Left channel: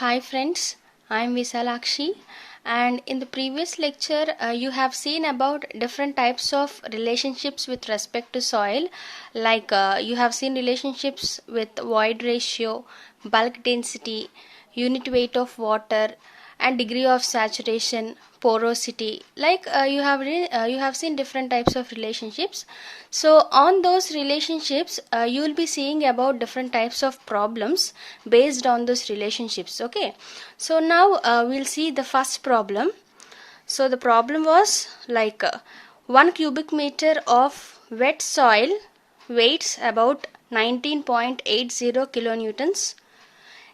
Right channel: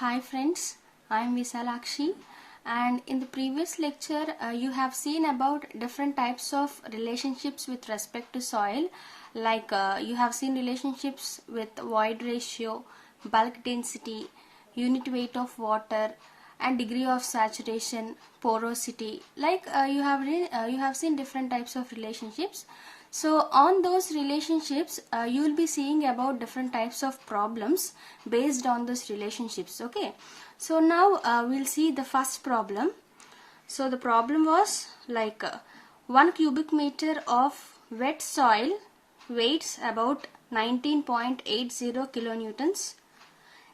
Hi friends, I am Visalakshi, and in the previous lecture you have seen about different types of relationships with respect to soil, like you have seen relationships with void ratio, bulk density, unit weight of water, and degree of saturation, porosity. Like you have seen different types of relationships. So on those relationships you will be seeing about different types of problems based on those relationships. Okay, so now we'll see the first problem. So the problem was like 1 cubic meter of wet soil weighs about 19.80 kilonewtons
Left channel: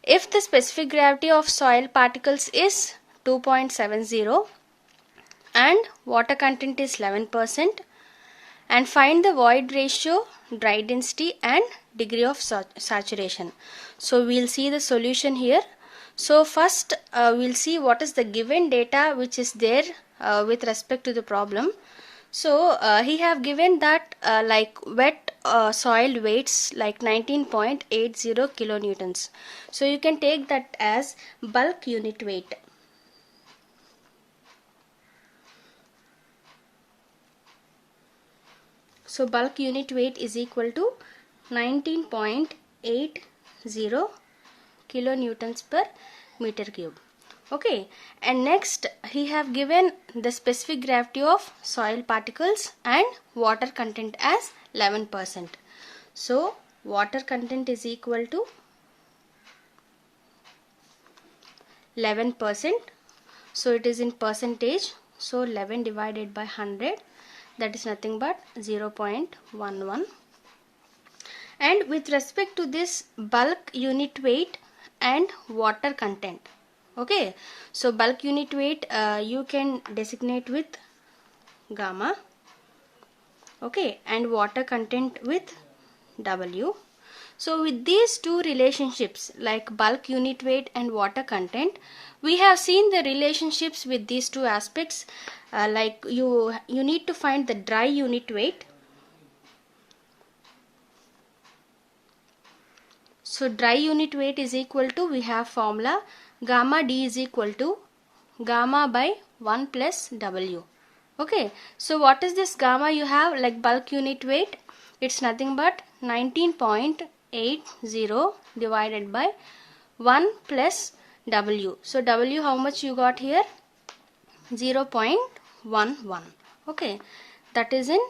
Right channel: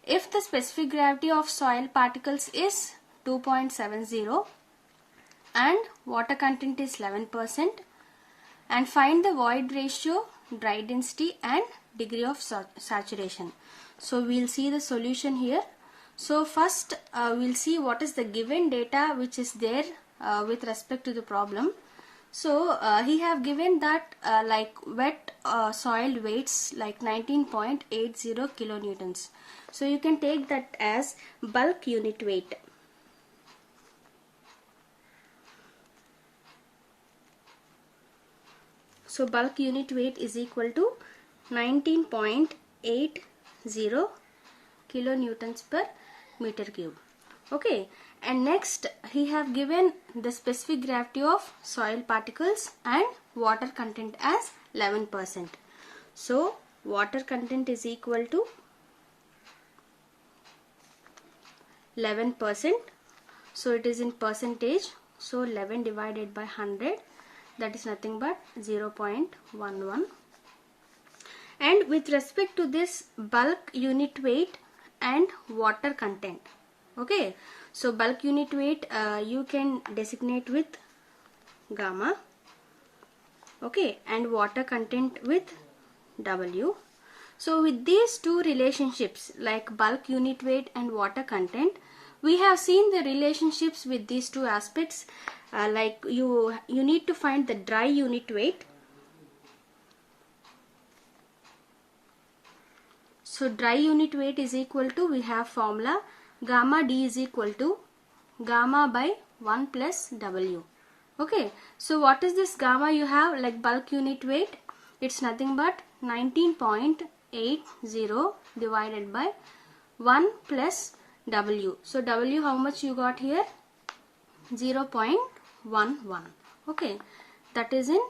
if the specific gravity of soil particles is 2.70 and water content is 11%, and find the void ratio, dry density and degree of saturation. So we'll see the solution here. So first we'll see what is the given data which is there with respect to the problem. So he have given that like wet soil weights like 19.80 kilonewtons. So you can take that as bulk unit weight. So bulk unit weight is equal to 19.80 kilonewtons per meter cube. Okay, and next he have given the specific gravity of soil particles and water content as 11%. So water content is equal to 11%. So it is in percentage. So 11 divided by 100, that is nothing but 0.11. And with respect to this bulk unit weight and water content, okay, so bulk unit weight you can designate with gamma, okay, and water content with W. So with these two relationships like bulk unit weight and water content, we have seen the relationships with these two aspects. Like you need to find the dry unit weight. So dry unit weight is equal to, we have formula gamma D is equal to gamma by 1 plus W. Okay, so what is this gamma you have like bulk unit weight? It's nothing but 19.80 divided by 1 plus W. So W how much you got here? 0.11. Okay, that is in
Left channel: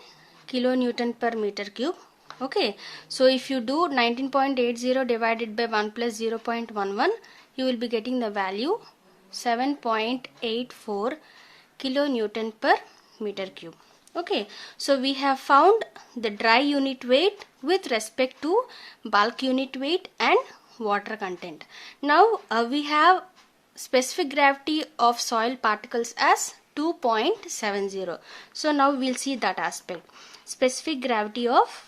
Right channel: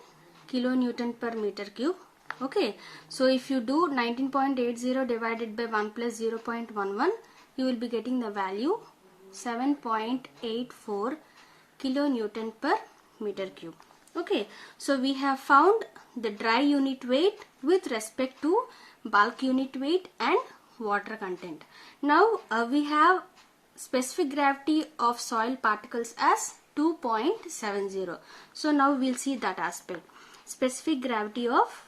kilonewton per meter cube. Okay, so if you do 19.80 divided by 1 plus 0.11, you will be getting the value 7.84 kilonewton per meter cube. Okay, so we have found the dry unit weight with respect to bulk unit weight and water content. Now we have specific gravity of soil particles as 2.70. So now we'll see that aspect. Specific gravity of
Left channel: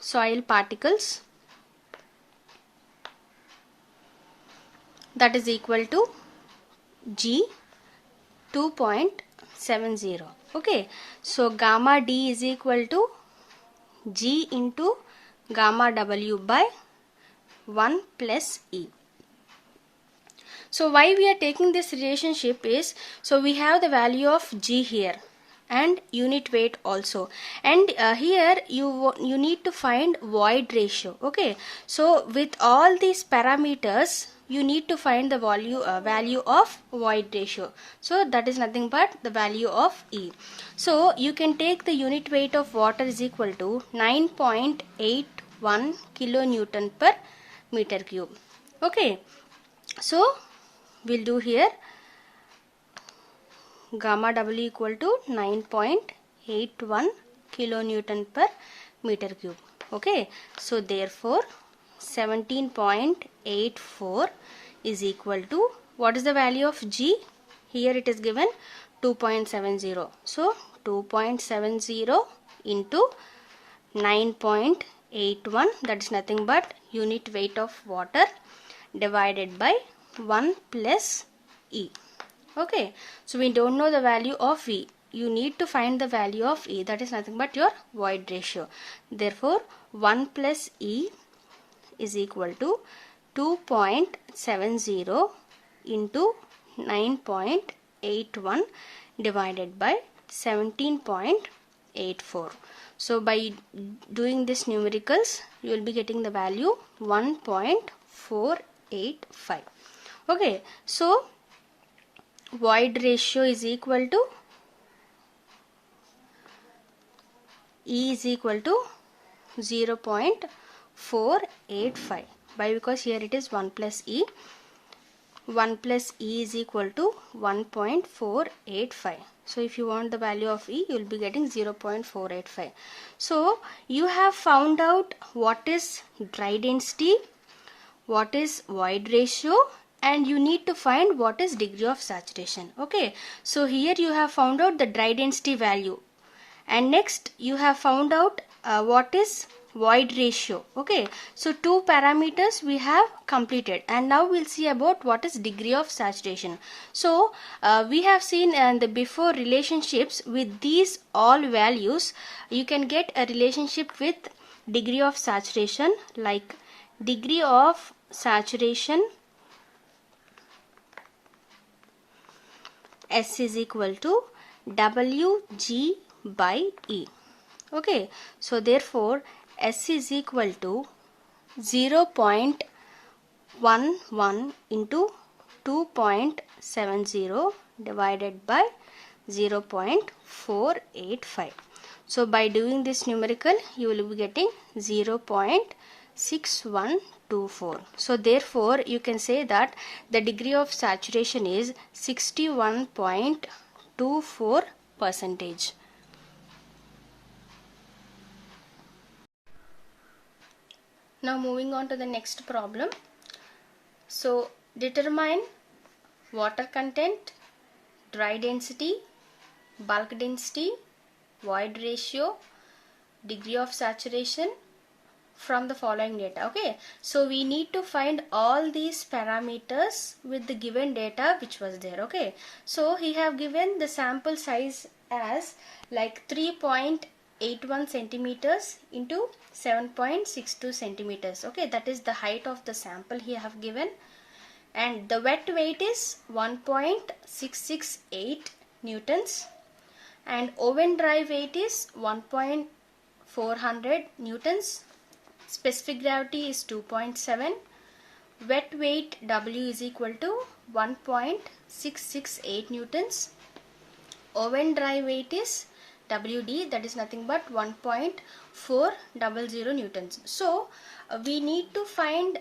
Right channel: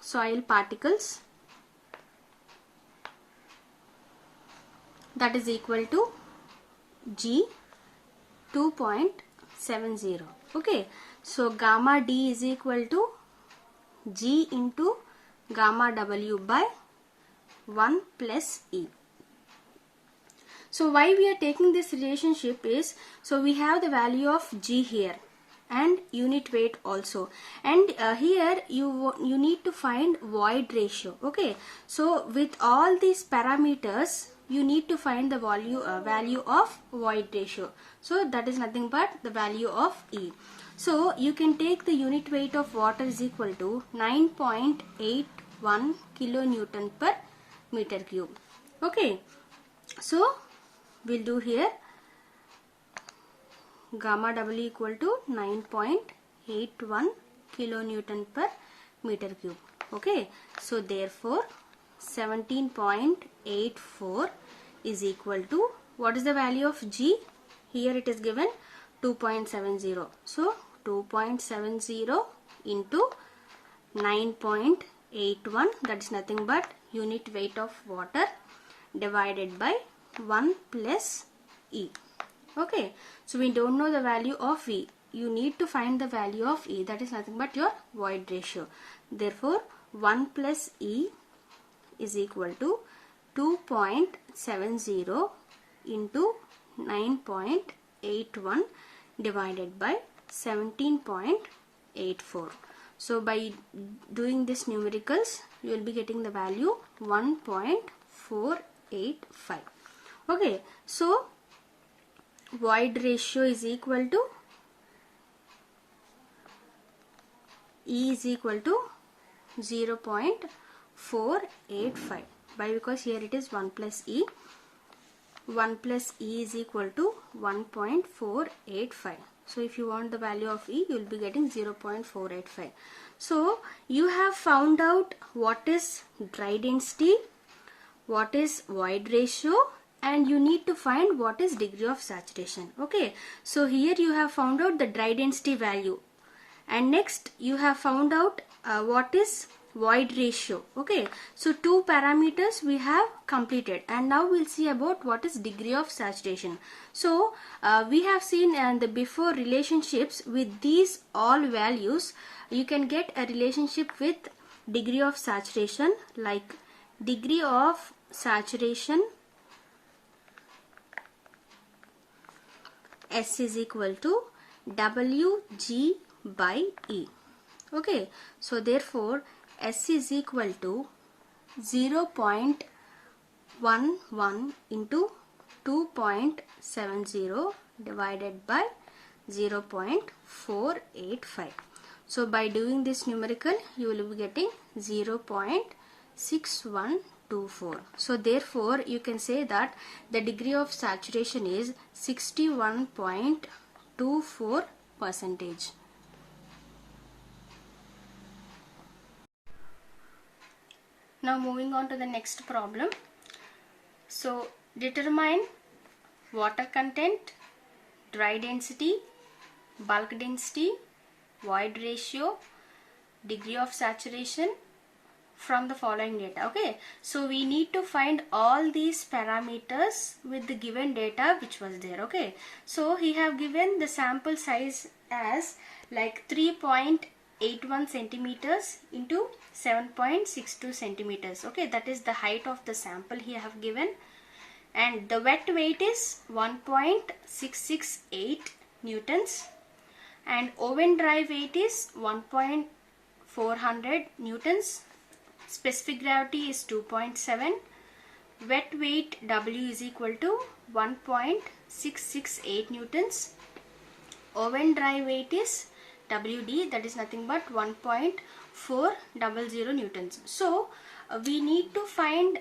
soil particles, that is equal to G 2.70. Okay, so gamma D is equal to G into gamma W by 1 plus E. So why we are taking this relationship is, so we have the value of G here and unit weight also, and here you need to find void ratio. Okay, so with all these parameters you need to find the value of void ratio. So that is nothing but the value of E. So you can take the unit weight of water is equal to 9.81 kilonewton per meter cube. Okay, so we'll do here gamma W equal to 9.81 kilonewton per meter cube. Okay, so therefore 17.84 is equal to, what is the value of G? Here it is given 2.70. So 2.70 into 9.81, that is nothing but unit weight of water divided by 1 plus E. Okay, so we don't know the value of E. You need to find the value of E, that is nothing but your void ratio. Therefore 1 plus E is equal to 2.70 into 9.81 divided by 17.84. So by doing this numericals, you will be getting the value 1.485. Okay, so void ratio is equal to E is equal to 0.485. Why? Because here it is 1 plus E. 1 plus E is equal to 1.485. So if you want the value of E, you will be getting 0.485. So you have found out what is dry density, what is void ratio, and you need to find what is degree of saturation. Okay, so here you have found out the dry density value, and next you have found out what is void ratio. Okay, so two parameters we have completed, and now we'll see about what is degree of saturation. So we have seen the before relationships with these all values. You can get a relationship with degree of saturation, like degree of saturation S is equal to Wg by E. Okay, so therefore S is equal to 0.11 into 2.70 divided by 0.485. So by doing this numerical, you will be getting 0.6124. So therefore you can say that the degree of saturation is 61.24%. Now moving on to the next problem. So determine water content, dry density, bulk density, void ratio, degree of saturation from the following data. Okay, so we need to find all these parameters with the given data which was there. Okay, so he have given the sample size as like 3.81 centimeters into 7.62 centimeters. Okay, that is the height of the sample he have given, and the wet weight is 1.668 newtons, and oven dry weight is 1.400 newtons. Specific gravity is 2.7. Wet weight W is equal to 1.668 newtons. Oven dry weight is WD, that is nothing but 1.400 newtons. So we need to find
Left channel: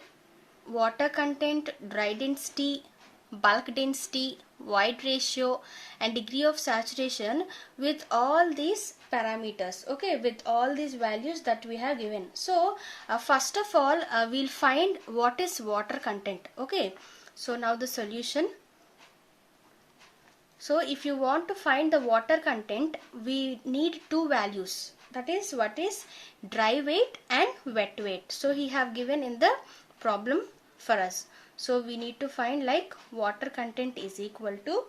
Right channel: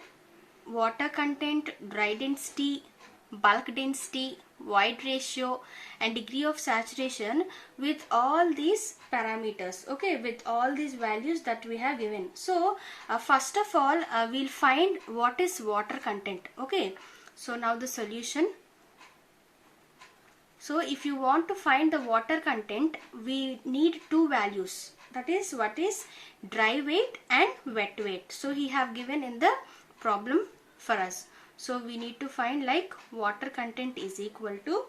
water content, dry density, bulk density, void ratio, and degree of saturation with all these parameters. Okay, with all these values that we have given. So first of all we'll find what is water content. Okay, so now the solution. So if you want to find the water content, we need two values, that is what is dry weight and wet weight. So he have given in the problem for us. So we need to find like water content is equal to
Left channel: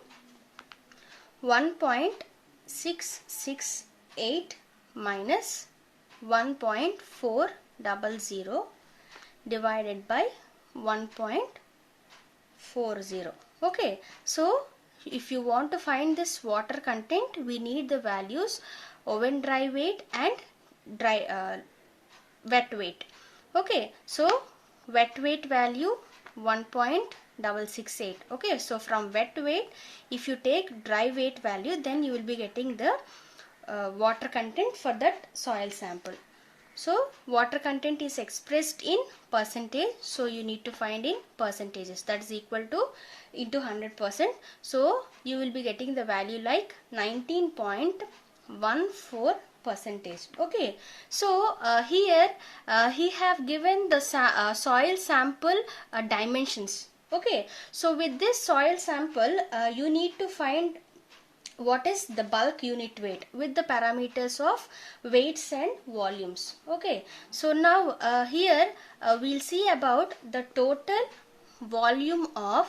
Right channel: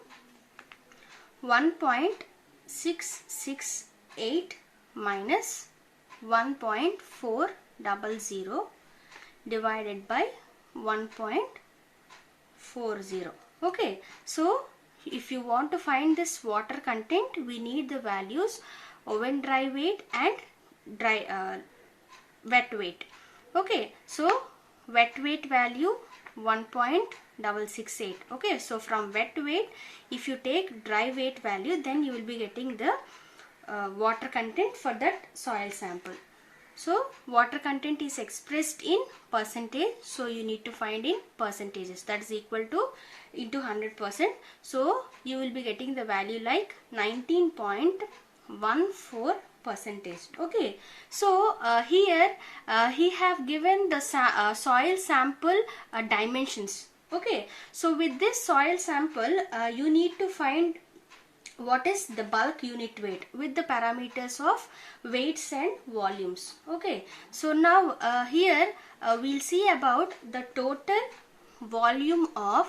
1.668 minus 1.400 divided by 1.40. Okay, so if you want to find this water content, we need the values oven dry weight and wet weight. Okay, so wet weight value 1.668. Okay, so from wet weight, if you take dry weight value, then you will be getting the water content for that soil sample. So water content is expressed in percentage, so you need to find in percentages, that is equal to into 100%. So you will be getting the value like 19.14%. Okay, so here he have given the soil sample dimensions. Okay, so with this soil sample you need to find what is the bulk unit weight with the parameters of weights and volumes. Okay, so now here we'll see about the total volume of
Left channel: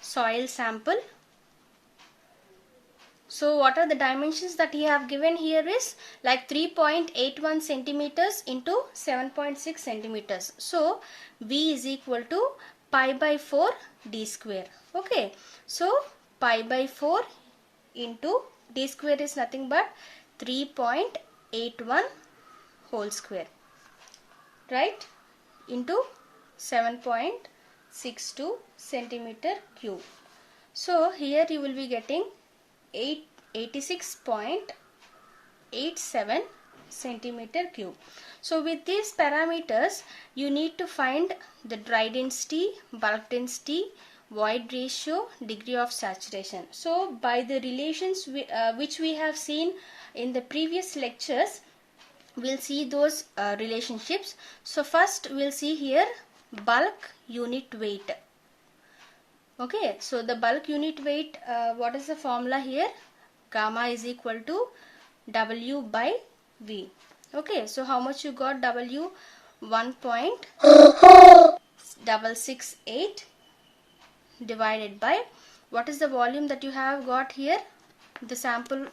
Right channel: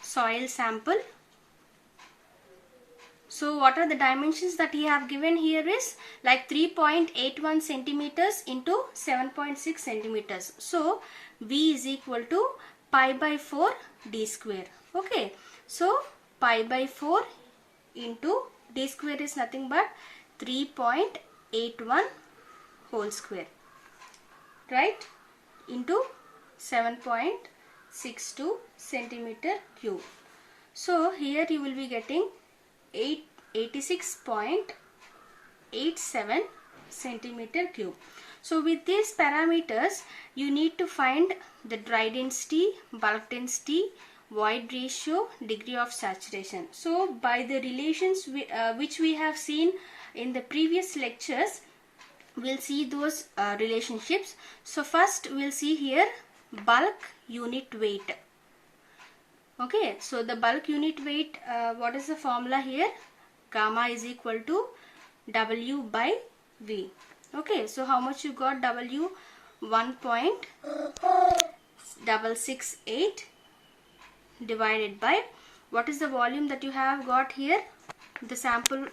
soil sample So what are the dimensions that he have given here is like 3.81 centimeters into 7.6 centimeters. So V is equal to pi by 4 d square. Okay. So pi by 4 into d square is nothing but 3.81 whole square, right, into 7.62 centimeter cube. So here you will be getting 86.87 centimeter cube. So with these parameters you need to find the dry density, bulk density, void ratio, degree of saturation. So by the relations which we have seen in the previous lectures, we'll see those relationships. So first we'll see here bulk unit weight. Okay, so the bulk unit weight, what is the formula here? Gamma is equal to W by V. Okay, so how much you got? W 1.668 divided by, what is the volume that you have got here? The sample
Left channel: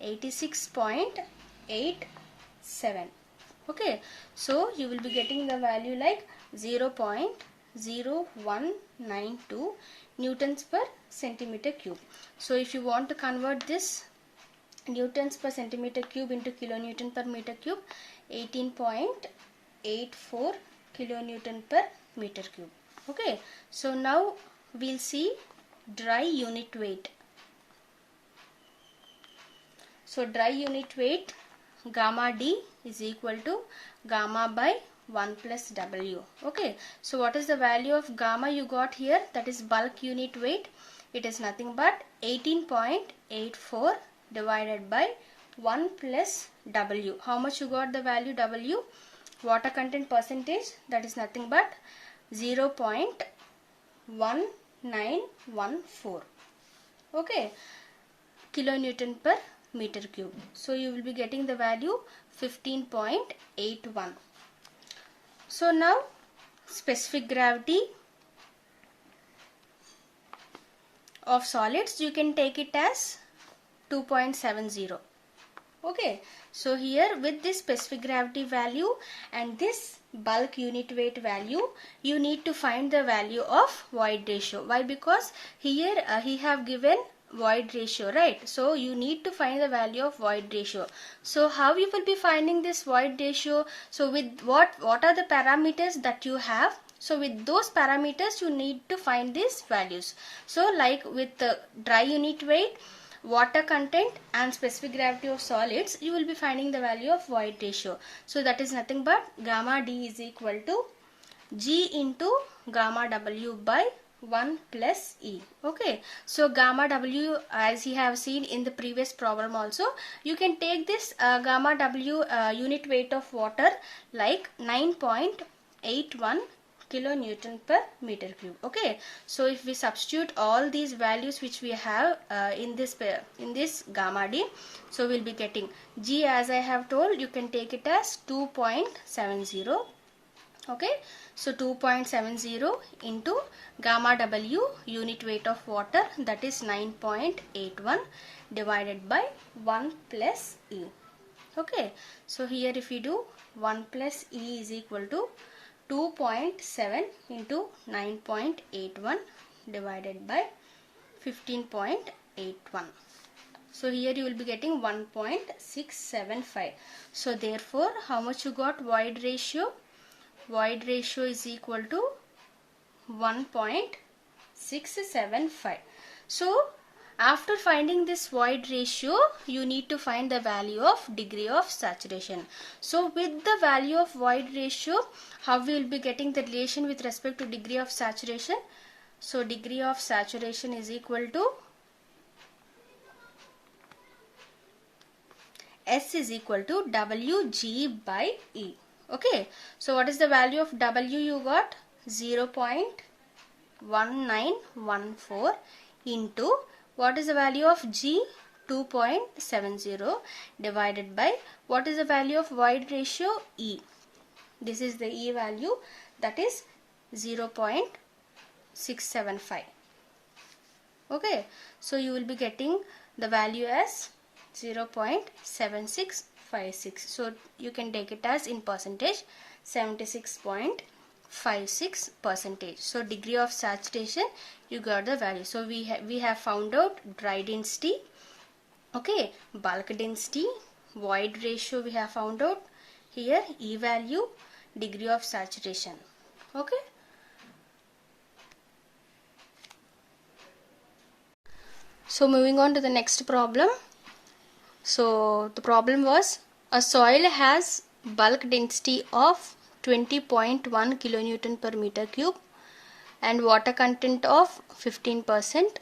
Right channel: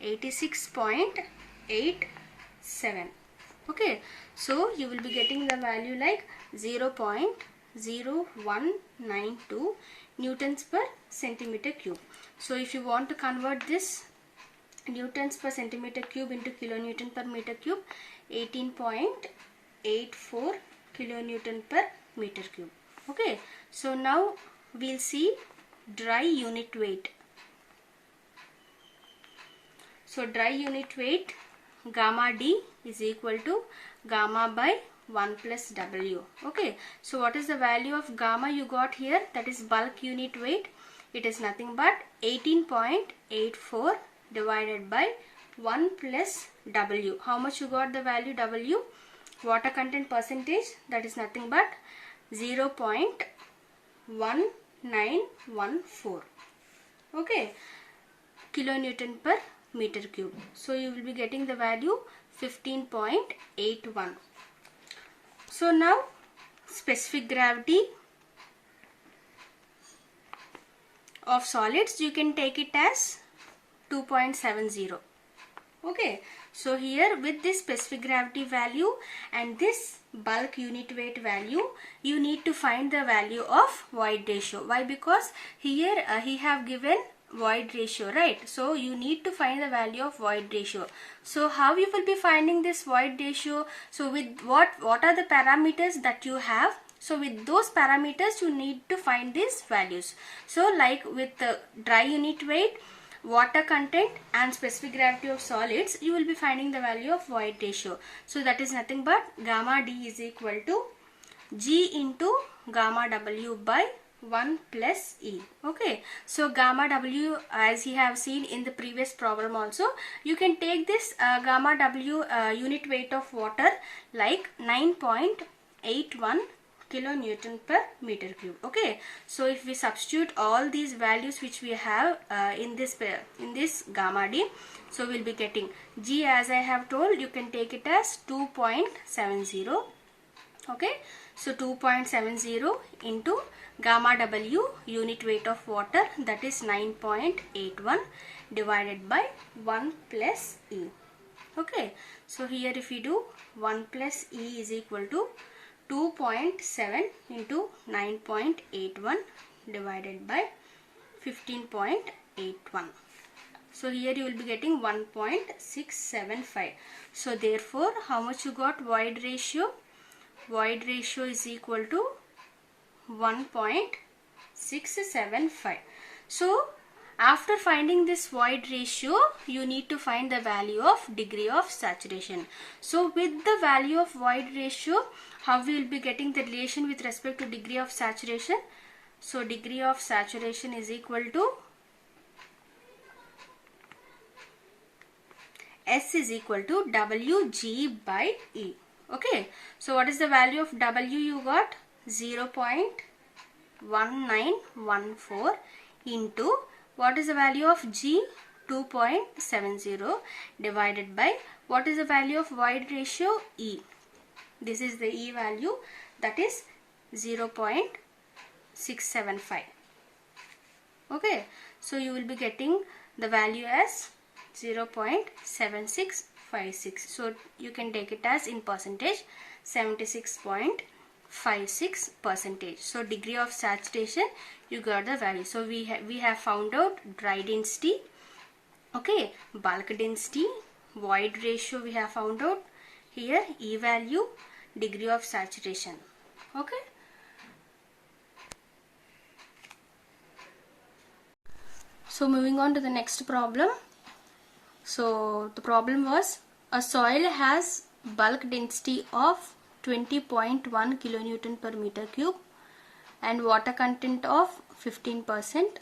86.87. Okay, so you will be getting the value like 0.0192 newtons per centimeter cube. So if you want to convert this newtons per centimeter cube into kilonewton per meter cube, 18.84 kilonewton per meter cube. Okay, so now we'll see dry unit weight. So dry unit weight, gamma D is equal to gamma by 1 plus W. Okay, so what is the value of gamma you got here? That is bulk unit weight. It is nothing but 18.84 divided by 1 plus W. How much you got the value W? Water content percentage, that is nothing but 0.1914. Okay, kilonewton per meter cube. So you will be getting the value 15.81. So now specific gravity of solids, you can take it as 2.70. Okay, so here with this specific gravity value and this bulk unit weight value, you need to find the value of void ratio. Why? Because here he have given void ratio, right? So you need to find the value of void ratio. So how you will be finding this void ratio? So with what are the parameters that you have? So with those parameters you need to find these values. So like with the dry unit weight, water content and specific gravity of solids, you will be finding the value of void ratio. So that is nothing but gamma D is equal to G into gamma W by 1 plus E. Okay, so gamma W, as you have seen in the previous problem also, you can take this gamma W unit weight of water like 9.81 kilonewton per meter cube. Okay, so if we substitute all these values which we have in this gamma D, so we'll be getting G, as I have told, you can take it as 2.70. Okay, so 2.70 into gamma W unit weight of water, that is 9.81 divided by 1 plus E. Okay, so here if we do 1 plus E is equal to 2.7 into 9.81 divided by 15.81. So here you will be getting 1.675. So therefore how much you got void ratio? Void ratio is equal to 1.675. So after finding this void ratio, you need to find the value of degree of saturation. So with the value of void ratio, how we will be getting the relation with respect to degree of saturation? So degree of saturation is equal to S is equal to Wg by E. Okay, so what is the value of W you got? 0.1914 into, what is the value of G? 2.70 divided by, what is the value of void ratio? E. This is the E value, that is 0.675. Okay, so you will be getting the value as 0.7656. So you can take it as in percentage 76.56 percentage. So degree of saturation, you got the value. So we have found out dry density, okay, bulk density, void ratio we have found out here, E value, degree of saturation. Okay. So moving on to the next problem. So the problem was a soil has bulk density of 20.1 kilonewton per meter cube and water content of 15%.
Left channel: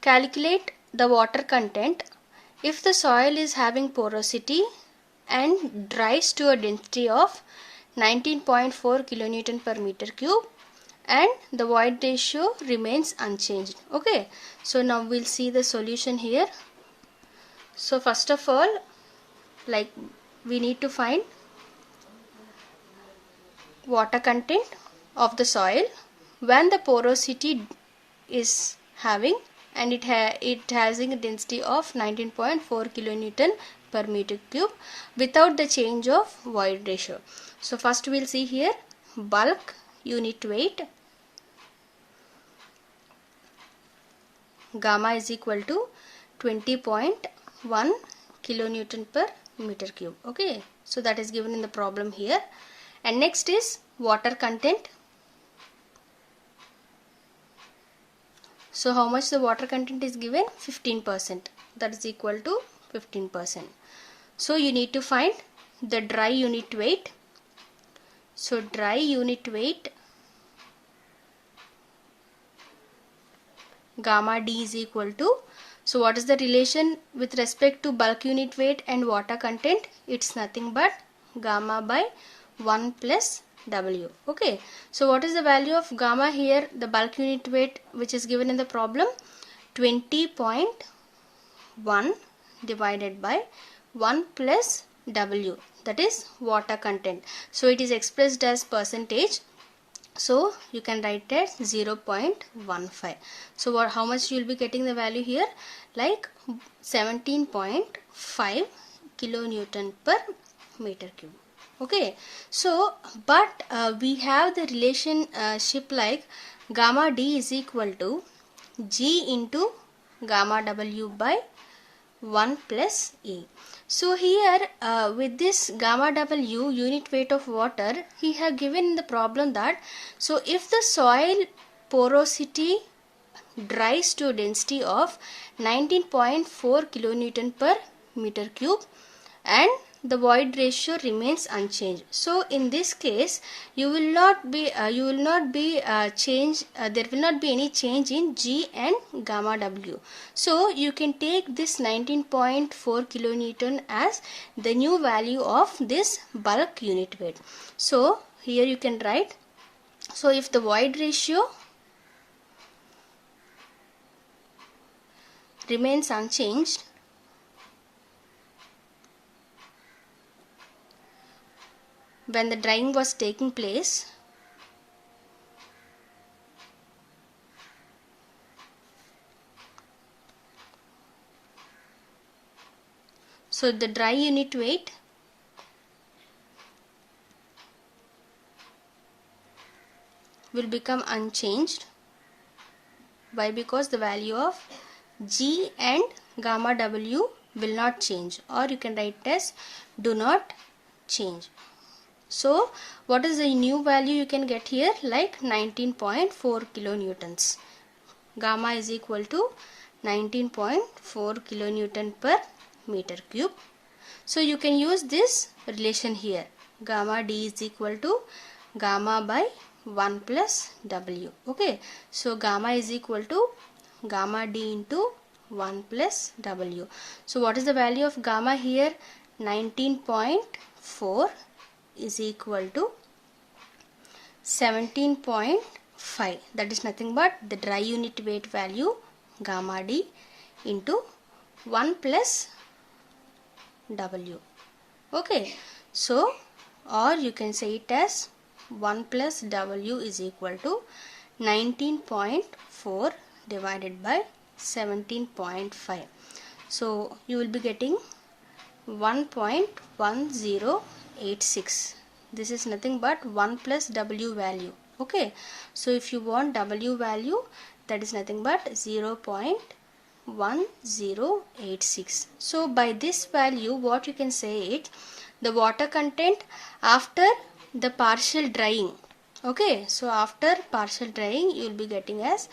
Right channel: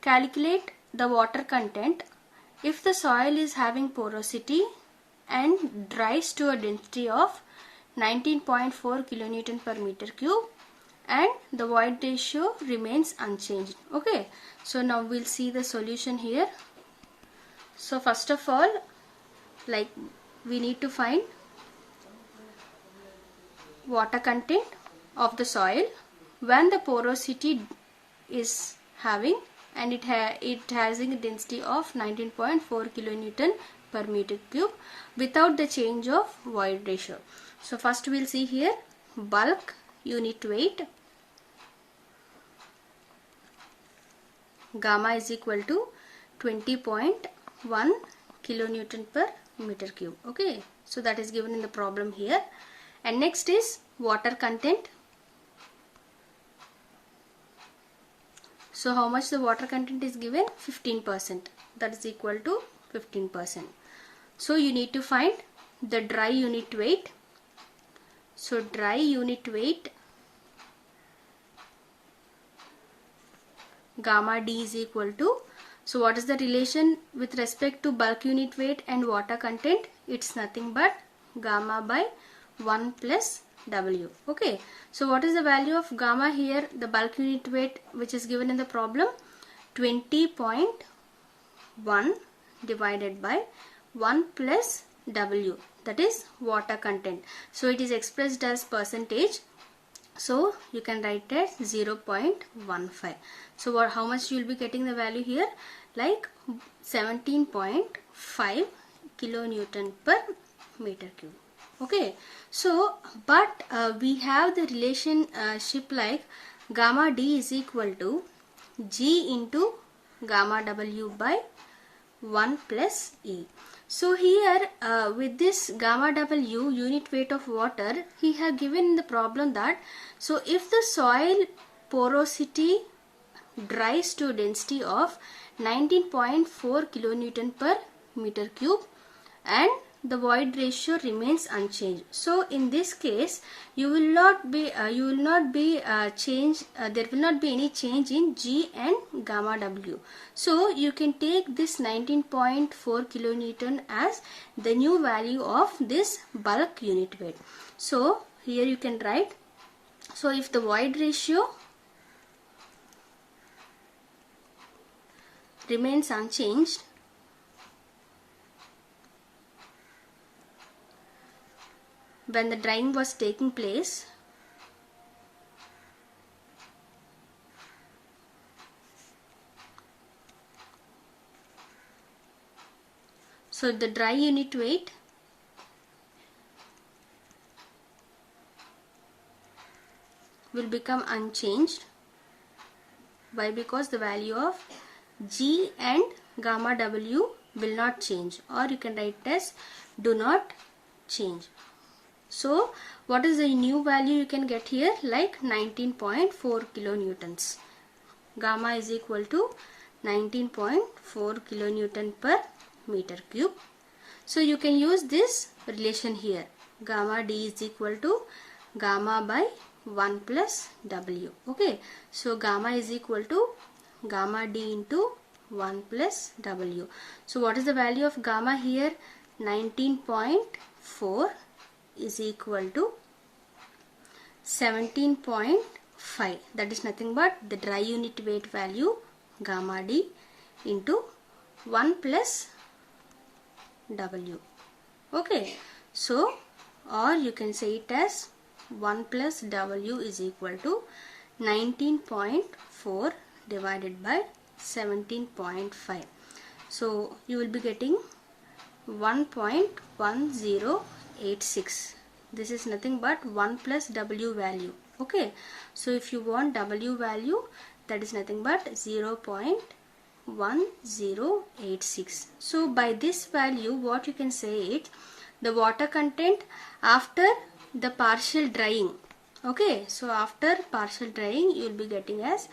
Calculate the water content if the soil is having porosity and dries to a density of 19.4 kilonewton per meter cube and the void ratio remains unchanged. Okay, so now we'll see the solution here. So first of all, like, we need to find water content of the soil when the porosity is having and it has a density of 19.4 kilonewton per meter cube without the change of void ratio. So first we'll see here bulk unit weight, gamma is equal to 20.1 kilonewton per meter cube. Okay, so that is given in the problem here. And next is water content. So how much the water content is given? 15%. That is equal to 15%. So you need to find the dry unit weight. So dry unit weight, gamma D is equal to, so what is the relation with respect to bulk unit weight and water content? It's nothing but gamma by 1 plus W. Okay, so what is the value of gamma here? The bulk unit weight which is given in the problem, 20.1 divided by 1 plus W, that is water content. So it is expressed as percentage. So you can write it as 0.15. So how much you will be getting the value here? Like 17.5 kilonewton per meter cube. Okay, so but we have the relationship like gamma D is equal to G into gamma W by 1 plus E. So here with this gamma W unit weight of water, he have given in the problem that, so if the soil porosity dries to a density of 19.4 kilonewton per meter cube and the void ratio remains unchanged. So in this case there will not be any change in G and gamma W. So you can take this 19.4 kilonewton as the new value of this bulk unit weight. So here you can write, so if the void ratio remains unchanged, when the drying was taking place, so the dry unit weight will become unchanged. Why? Because the value of G and gamma W will not change, or you can write as do not change. So what is the new value you can get here? Like 19.4 kilonewtons. Gamma is equal to 19.4 kilonewton per meter cube. So you can use this relation here. Gamma D is equal to gamma by 1 plus W. Okay, so gamma is equal to gamma D into 1 plus W. So what is the value of gamma here? 19.4 is equal to 17.5. That is nothing but the dry unit weight value gamma D into 1 plus W. Okay, so or you can say it as 1 plus W is equal to 19.4 divided by 17.5. So you will be getting 1.1086. This is nothing but 1 plus W value. Okay, so if you want W value, that is nothing but 0.1086. So by this value, what you can say is the water content after the partial drying. Okay, so after partial drying, you will be getting as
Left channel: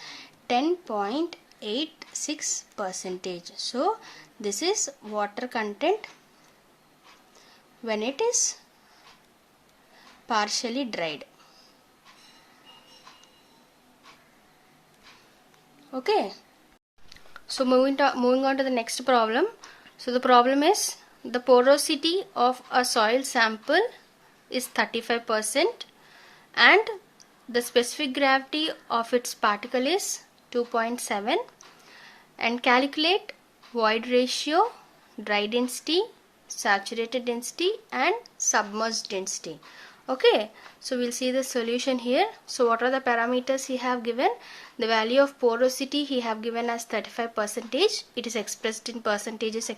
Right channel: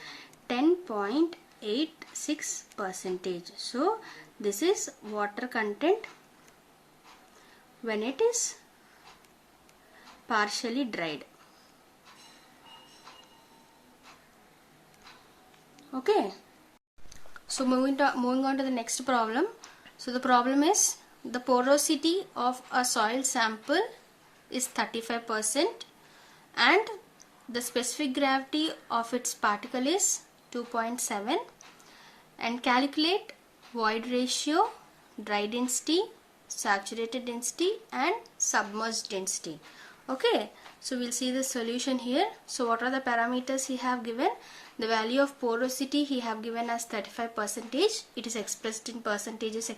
10.86 percentage. So this is water content when it is partially dried. Okay, so moving on to the next problem. So the problem is the porosity of a soil sample is 35% and the specific gravity of its particle is 2.7, and calculate void ratio, dry density, saturated density and submerged density. Okay, so we'll see the solution here. So what are the parameters he have given? The value of porosity he have given as 35%. It is expressed in percentages,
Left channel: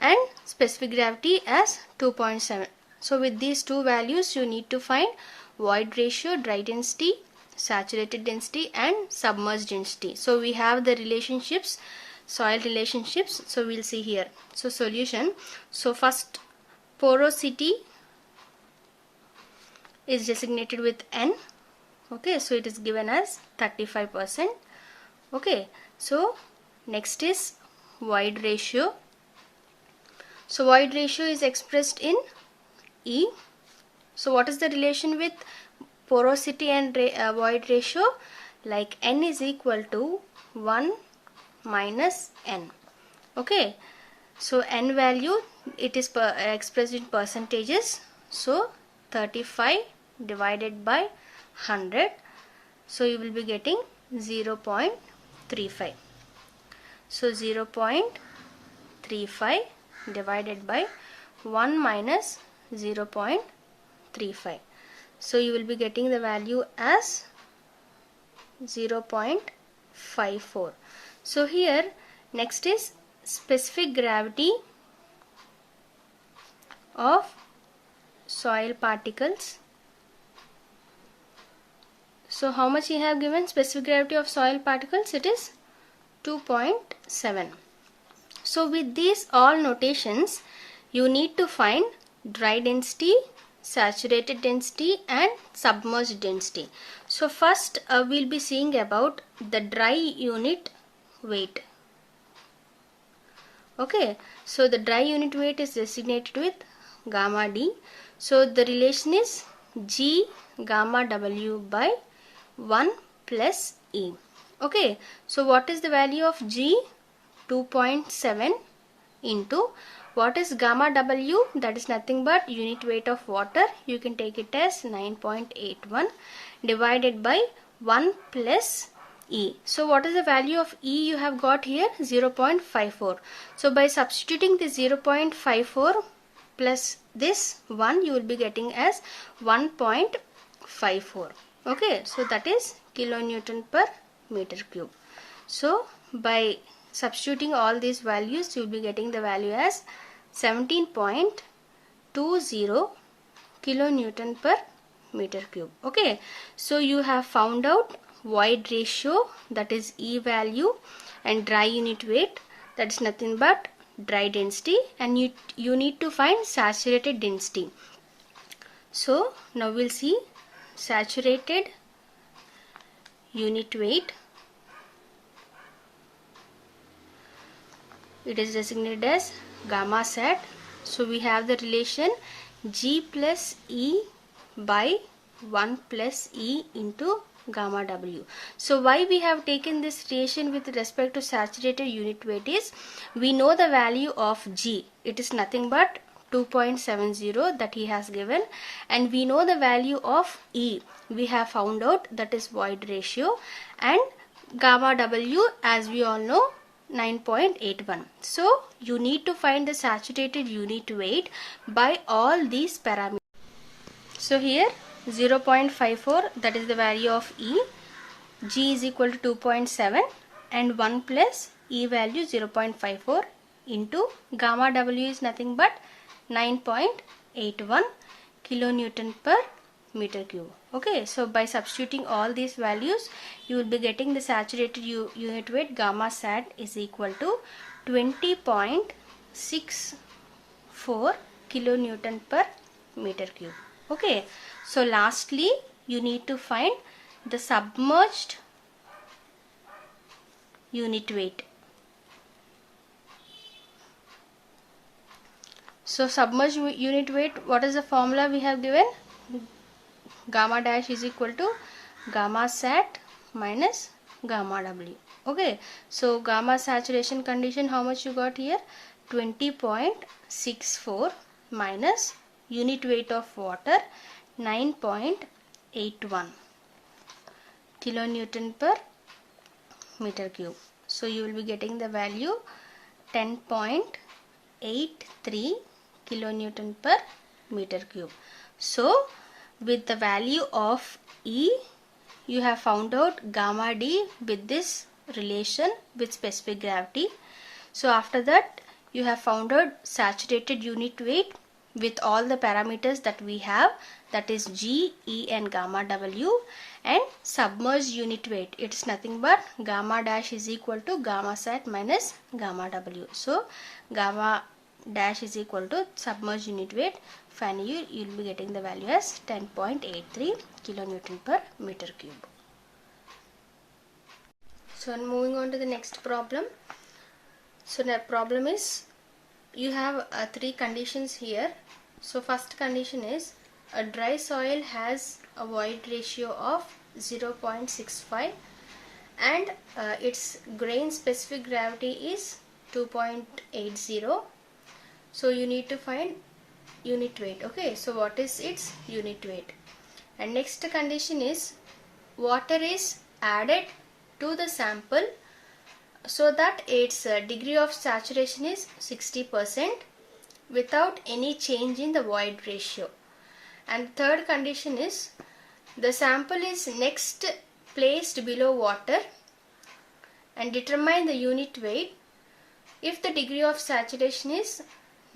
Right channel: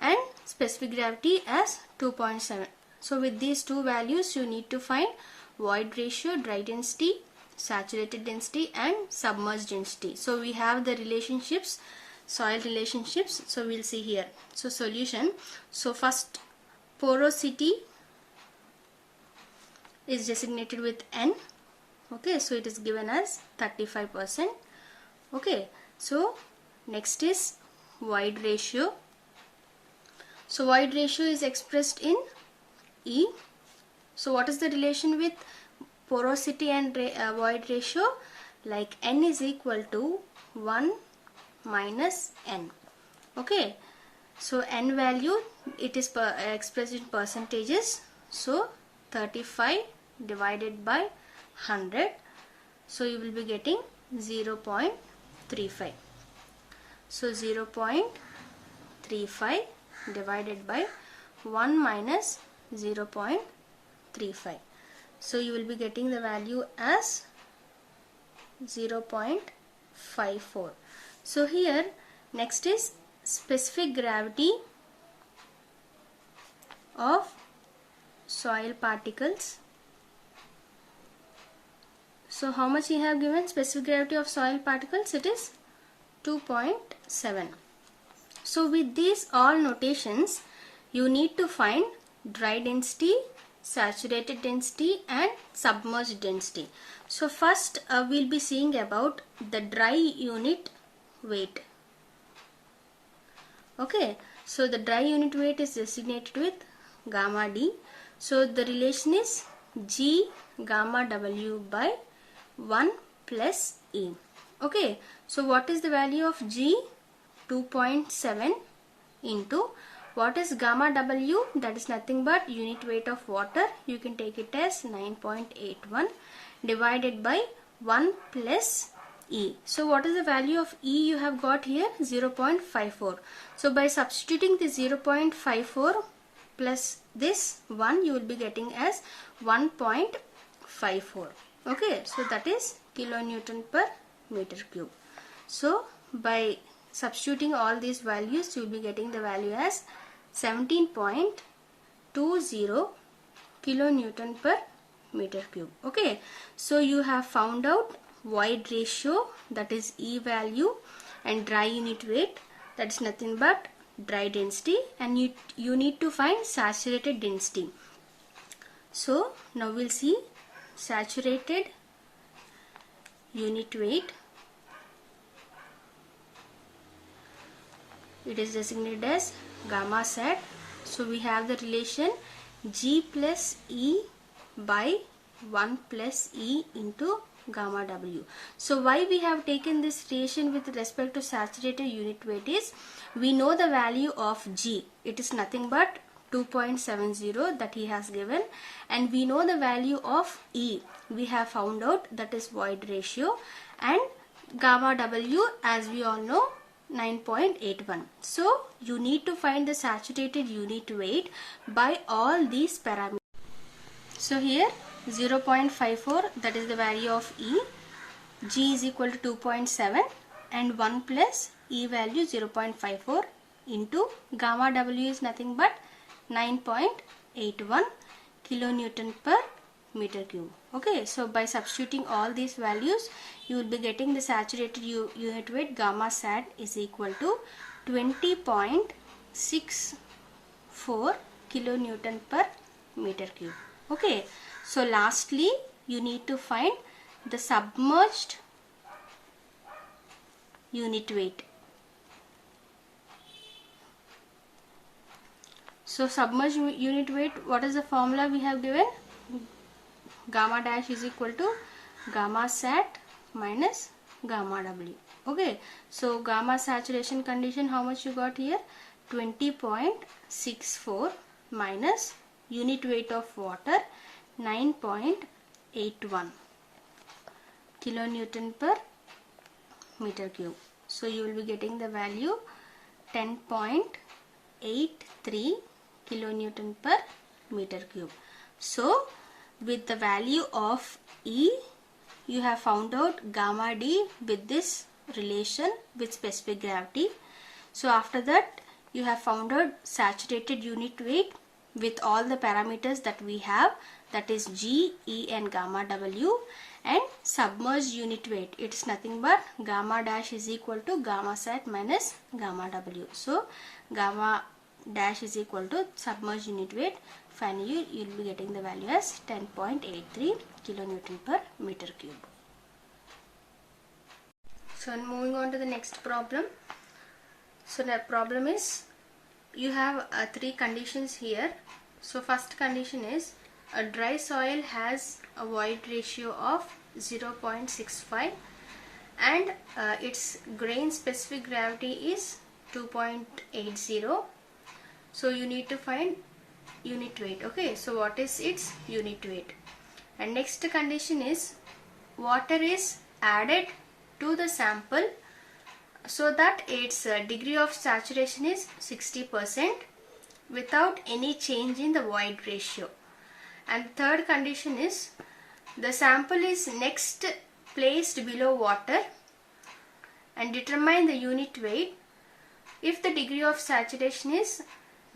and specific gravity as 2.7. So with these two values you need to find void ratio, dry density, saturated density and submerged density. So we have the relationships, soil relationships. So we'll see here. So solution. So first, porosity is designated with N. Okay, so it is given as 35%. Okay, so next is void ratio. So void ratio is expressed in E. So what is the relation with porosity and void ratio? Like N is equal to 1 minus N. Okay, so N value, it is expressed in percentages. So 35 divided by 100. So you will be getting 0.35. So 0.35 divided by 1 minus 0.35. So you will be getting the value as 0.54. So here next is specific gravity of soil particles. So how much he have given specific gravity of soil particles? It is 2.7. So with these all notations, you need to find dry density, saturated density and submerged density. So first we'll be seeing about the dry unit weight. Okay, so the dry unit weight is designated with gamma D. So the relation is G gamma W by 1 plus E. Okay, so what is the value of G? 2.7 into what is gamma W? That is nothing but unit weight of water. You can take it as 9.81 divided by 1 plus E. So what is the value of E you have got here? 0.54. So by substituting the 0.54 plus this 1, you will be getting as 1.54. Okay, so that is kilonewton per meter cube. So by substituting all these values, you will be getting the value as 17.20 kilonewton per meter cube. Okay, so you have found out void ratio, that is E value, and dry unit weight, that is nothing but dry density, and you need to find saturated density. So now we'll see saturated unit weight. It is designated as gamma sat. So we have the relation G plus E by 1 plus E into gamma W. So why we have taken this relation with respect to saturated unit weight is, we know the value of G. It is nothing but 2.70 that he has given, and we know the value of E. We have found out, that is void ratio, and gamma W, as we all know, 9.81. So you need to find the saturated unit weight by all these parameters. So here 0.54, that is the value of E, G is equal to 2.7 and 1 plus E value 0.54 into gamma W is nothing but 9.81 kilonewton per meter cube. Okay, so by substituting all these values, you will be getting the saturated unit weight gamma sat is equal to 20.64 kilonewton per meter cube. Okay, so lastly you need to find the submerged unit weight. So submerged unit weight, what is the formula we have given? Gamma dash is equal to gamma sat minus gamma W. Okay, so gamma saturation condition, how much you got here? 20.64 minus unit weight of water 9.81 kilonewton per meter cube. So you will be getting the value 10.83 kilonewton per meter cube. So with the value of E, you have found out gamma D with this relation with specific gravity. So after that you have found out saturated unit weight with all the parameters that we have, that is G, E and gamma W, and submerged unit weight, it is nothing but gamma dash is equal to gamma sat minus gamma W. So gamma dash is equal to submerged unit weight. Finally you will be getting the value as 10.83 kilonewton per meter cube. So moving on to the next problem. So the problem is, you have three conditions here. So first condition is a dry soil has a void ratio of 0.65 and its grain specific gravity is 2.80. So you need to find unit weight. Okay, so what is its unit weight? And next condition is water is added to the sample so that its degree of saturation is 60% without any change in the void ratio. And third condition is the sample is next placed below water and determine the unit weight if the degree of saturation is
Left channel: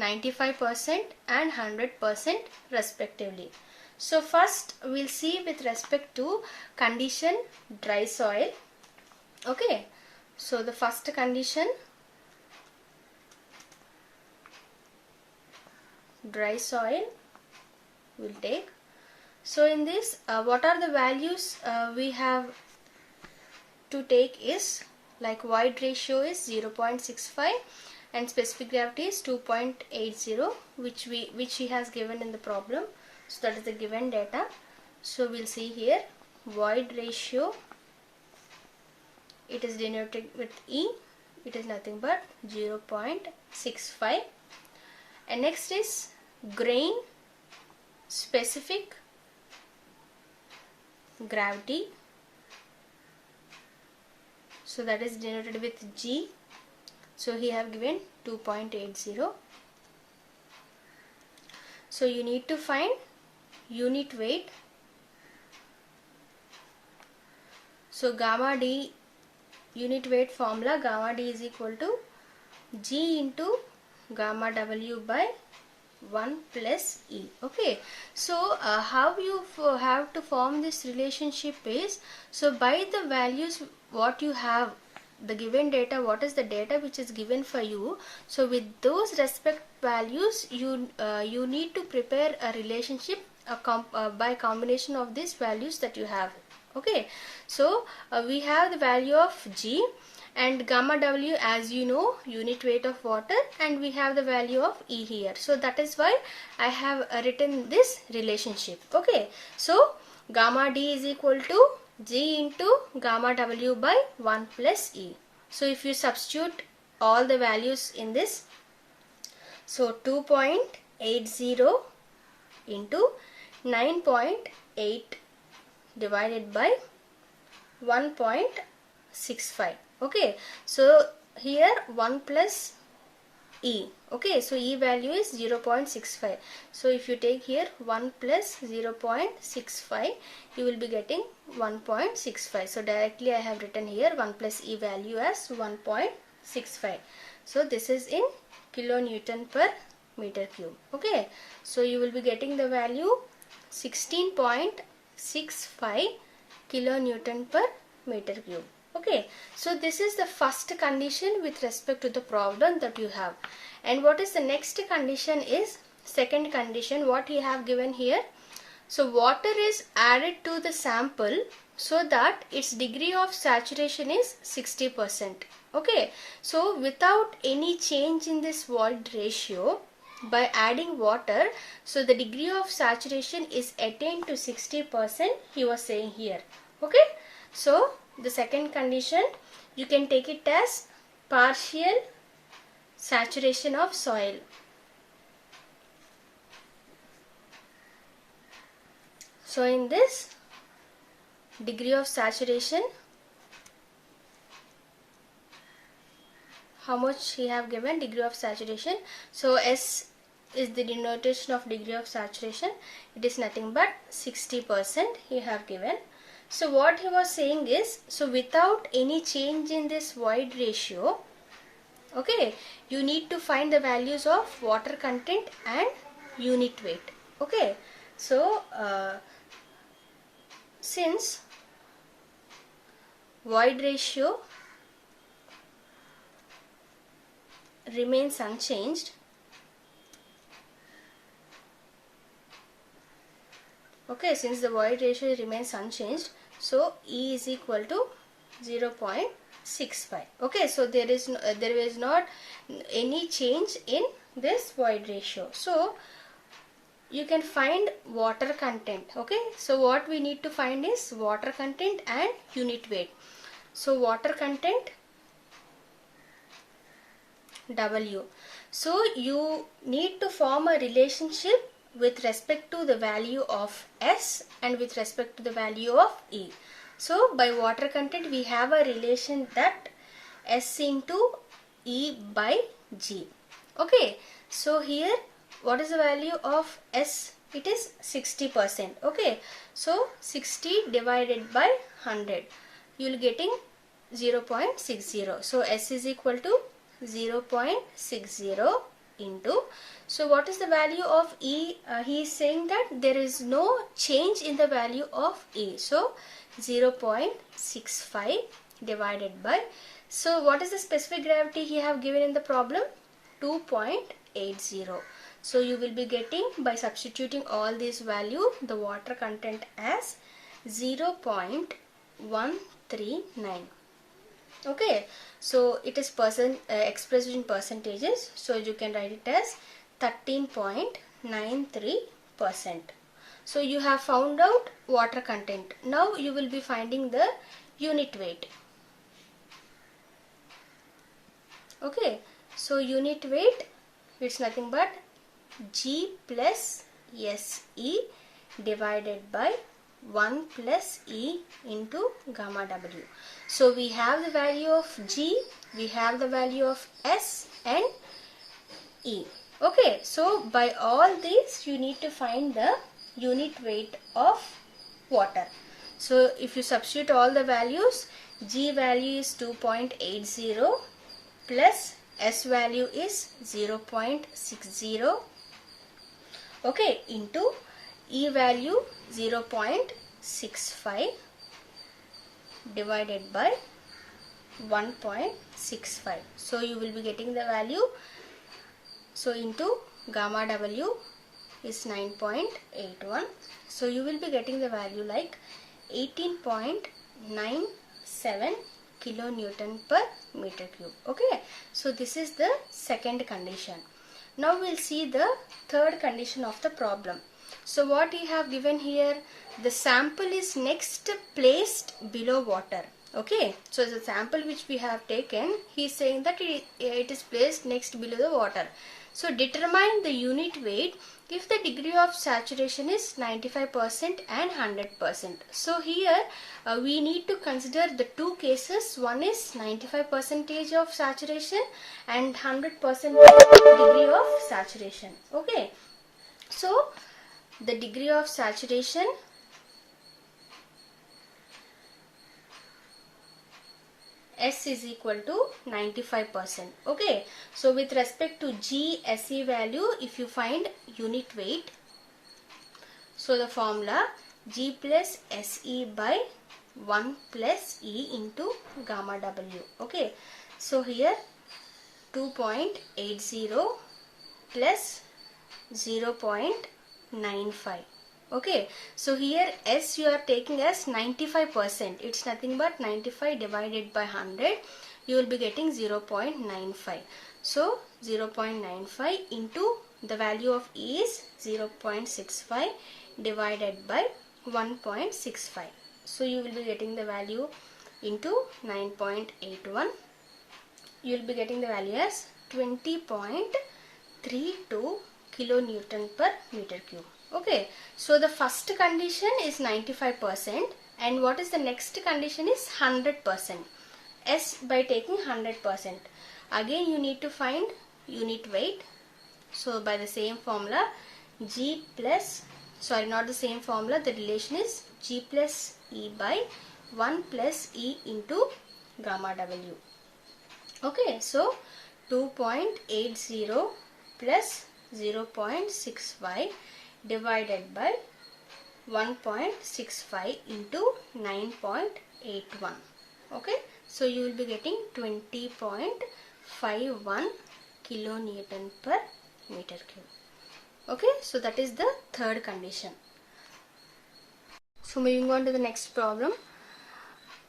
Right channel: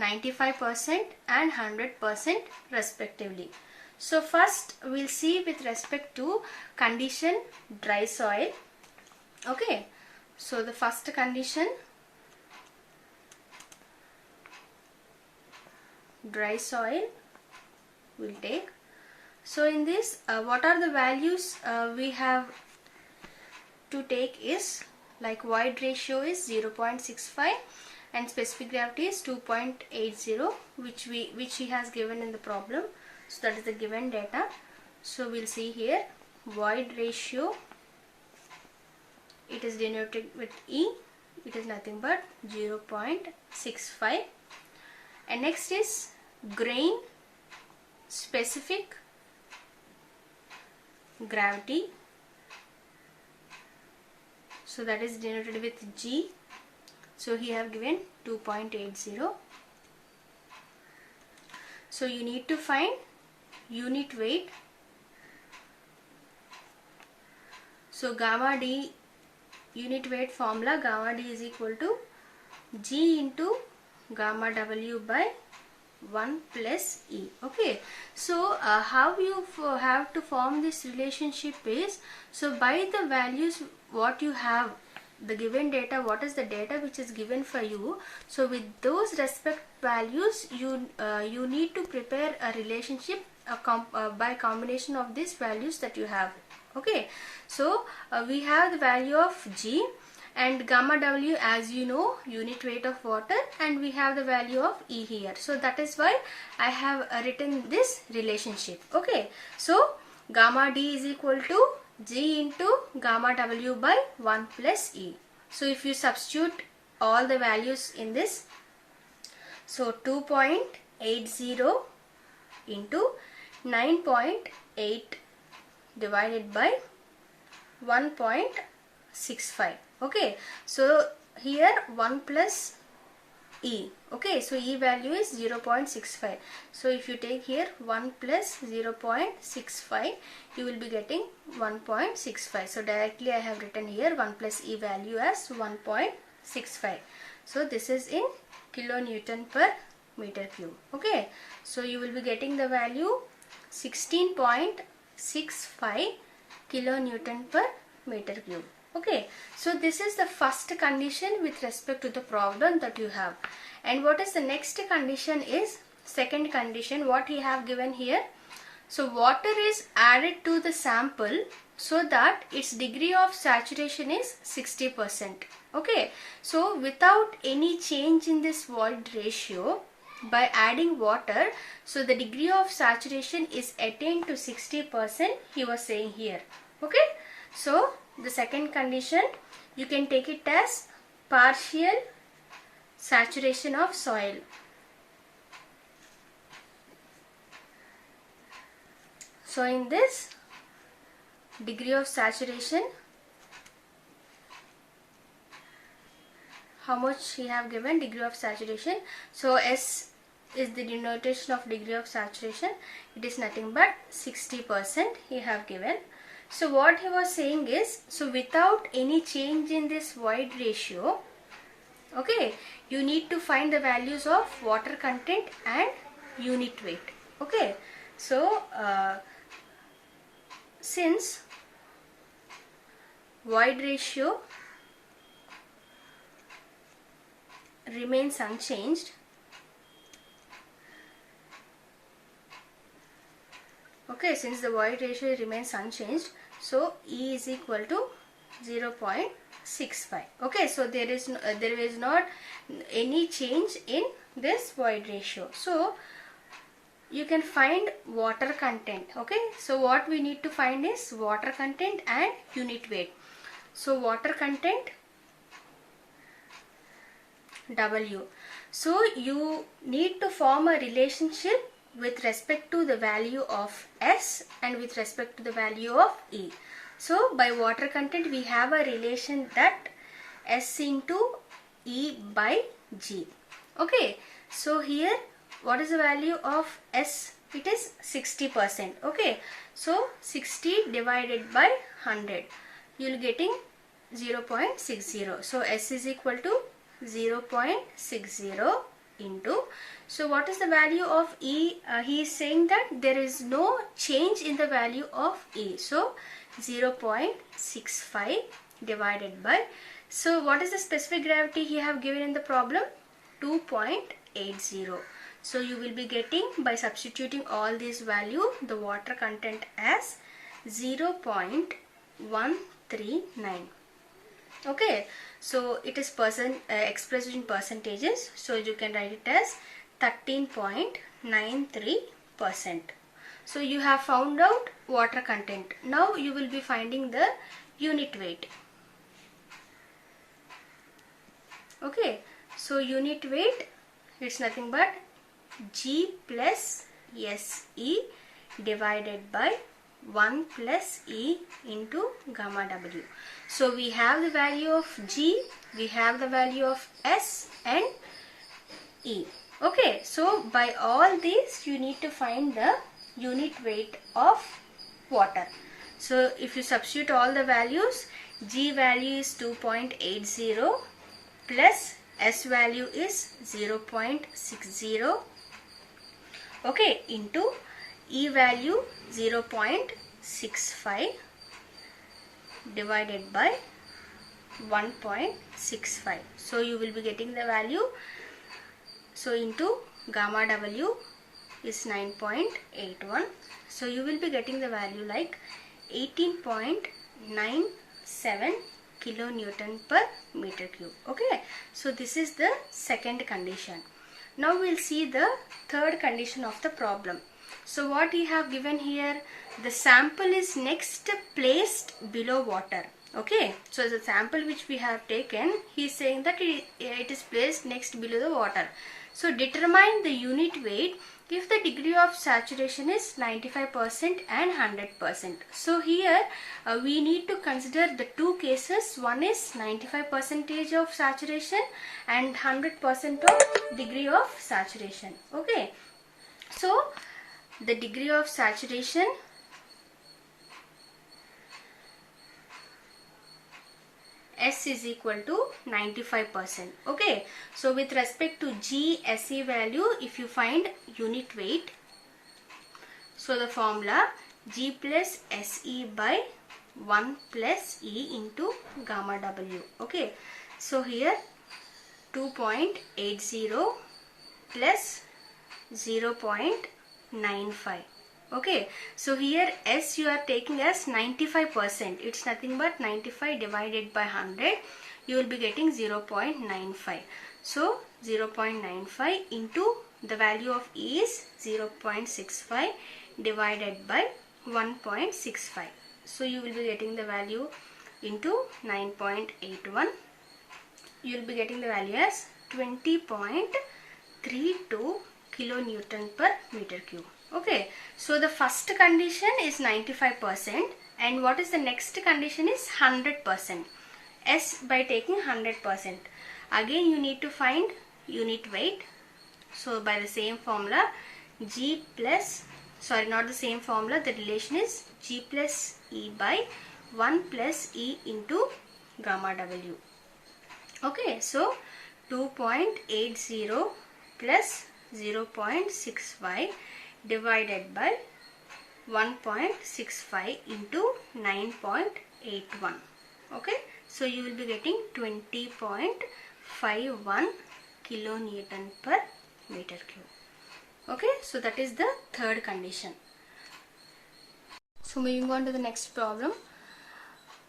95% and 100% respectively. So first we'll see with respect to condition dry soil. Okay, so the first condition, dry soil, we'll take. So in this what are the values we have to take is, like void ratio is 0.65 and specific gravity is 2.80, which he has given in the problem. So that is the given data. So we'll see here void ratio, it is denoted with E, it is nothing but 0.65. And next is grain specific gravity, so that is denoted with G. So he have given 2.80. So you need to find unit weight. So gamma D unit weight formula, gamma D is equal to G into gamma W by 1 plus E. Okay, so how you have to form this relationship is, so by the values what you have, the given data, what is the data which is given for you, so with those respect values you need to prepare a relationship by combination of these values that you have. Okay, so we have the value of G and gamma W, as you know, unit weight of water, and we have the value of E here. So that is why I have written this relationship. Okay, so gamma D is equal to G into gamma W by 1 plus E. So if you substitute all the values in this, so 2.80 into 9.8 divided by 1.65. Okay, so here 1 plus E. Okay, so E value is 0.65. So if you take here 1 plus 0.65, you will be getting 1.65. So directly I have written here 1 plus E value as 1.65. 0.65. So this is in kilonewton per meter cube. Okay, so you will be getting the value 16.65 kilonewton per meter cube. Okay, so this is the first condition with respect to the problem that you have. And what is the next condition is second condition what you have given here. So water is added to the sample so that its degree of saturation is 60%. Okay, so without any change in this void ratio, by adding water, so the degree of saturation is attained to 60%, he was saying here. Okay, so the second condition, you can take it as partial saturation of soil. So in this degree of saturation, how much he have given degree of saturation? So S is the denotation of degree of saturation. It is nothing but 60% he have given. So what he was saying is, so without any change in this void ratio, okay, you need to find the values of water content and unit weight. Okay, so since void ratio remains unchanged, okay, since the void ratio remains unchanged, so E is equal to 0.65. Okay, so there is not any change in this void ratio. So you can find water content. Okay, so what we need to find is water content and unit weight. So water content W. So you need to form a relationship with respect to the value of S and with respect to the value of E. So by water content we have a relation that S into E by G. Okay, so here what is the value of S? It is 60%. Okay, so 60 divided by 100, you will getting 0.60. So S is equal to 0.60 into, so what is the value of E? He is saying that there is no change in the value of E. So 0.65 divided by, so what is the specific gravity he have given in the problem? 2.80. So you will be getting, by substituting all these value, the water content as 0.139. Okay, so it is expressed in percentages, so you can write it as 13.93%. So you have found out water content. Now you will be finding the unit weight. Okay, so unit weight, it's nothing but G plus SE divided by 1 plus E into gamma W. So we have the value of G, we have the value of S and E. Okay, so by all these you need to find the unit weight of water. So if you substitute all the values, G value is 2.80 plus S value is 0.60, okay, into E value 0.65 divided by 1.65. So you will be getting the value, so into gamma W is 9.81. So you will be getting the value like 18.97 kilonewton per meter cube. Okay, so this is the second condition. Now we'll see the third condition of the problem. So what he have given here, the sample is next placed below water. Okay, so the sample which we have taken, he is saying that it is placed next below the water. So determine the unit weight if the degree of saturation is 95% and 100%. So here we need to consider the two cases. One is 95% of saturation and 100% degree of saturation. Okay, so the degree of saturation, S is equal to 95%. Okay, so with respect to G SE value, if you find unit weight, so the formula G plus SE by 1 plus E into gamma W. Okay, so here 2.80 plus 0.95. Okay, so here S you are taking as 95%. It's nothing but 95 divided by 100. You will be getting 0.95. So 0.95 into the value of E is 0.65 divided by 1.65. So you will be getting the value into 9.81. You will be getting the value as 20.32 kilonewton per meter cube. Okay, so the first condition is 95% and what is the next condition is 100%. S by taking 100%. Again you need to find unit weight. So by the same formula, G plus, sorry, not the same formula, the relation is G plus E by 1 plus E into gamma W. Okay, so 2.80 plus 0.65 divided by 1.65 into 9.81. Okay, so you will be getting 20.51 kilonewton per meter cube. Okay, so that is the third condition. So moving on to the next problem.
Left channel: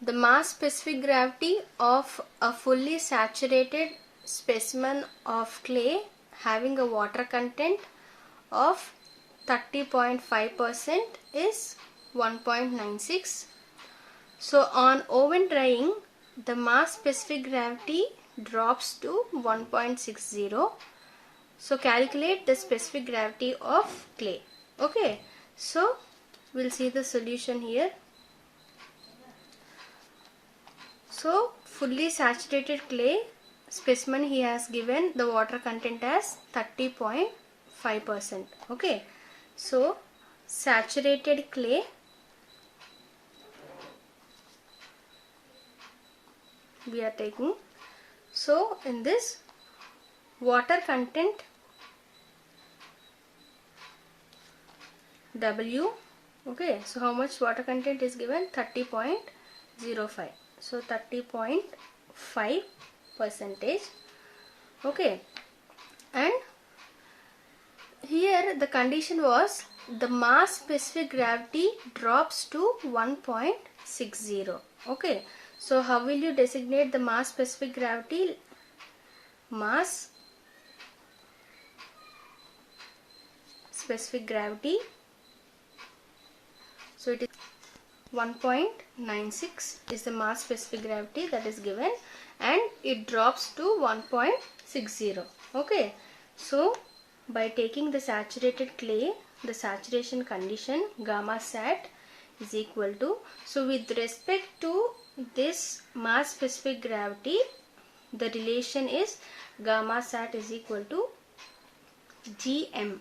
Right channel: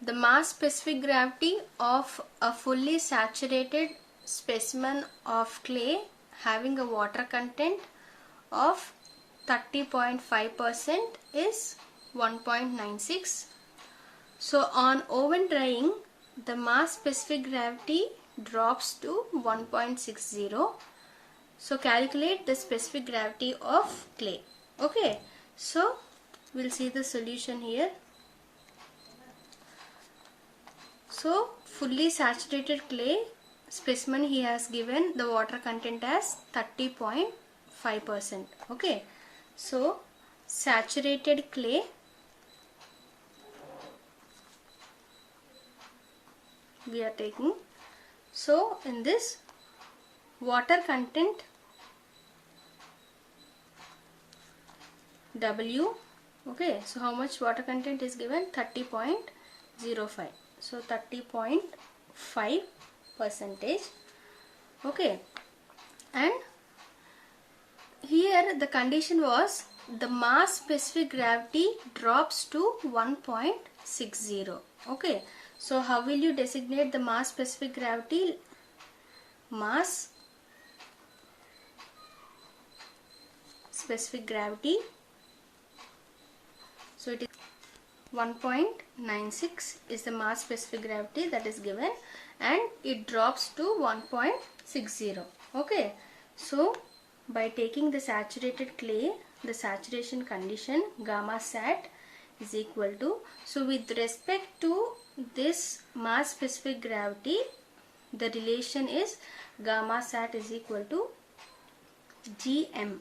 The mass specific gravity of a fully saturated specimen of clay having a water content of 30.5% is 1.96. So on oven drying, the mass specific gravity drops to 1.60. So calculate the specific gravity of clay. Okay, so we'll see the solution here. So fully saturated clay specimen, he has given the water content as 30.5%. Okay, so saturated clay we are taking. So in this water content W, okay, so how much water content is given? 30.05. So 30.5 percentage. Okay, and here the condition was the mass specific gravity drops to 1.60. Okay, so how will you designate the mass specific gravity? Mass specific gravity, so it is 1.96 is the mass specific gravity that is given and it drops to 1.60. Okay, so by taking the saturated clay, the saturation condition gamma sat is equal to, so with respect to this mass specific gravity, the relation is gamma sat is equal to Gm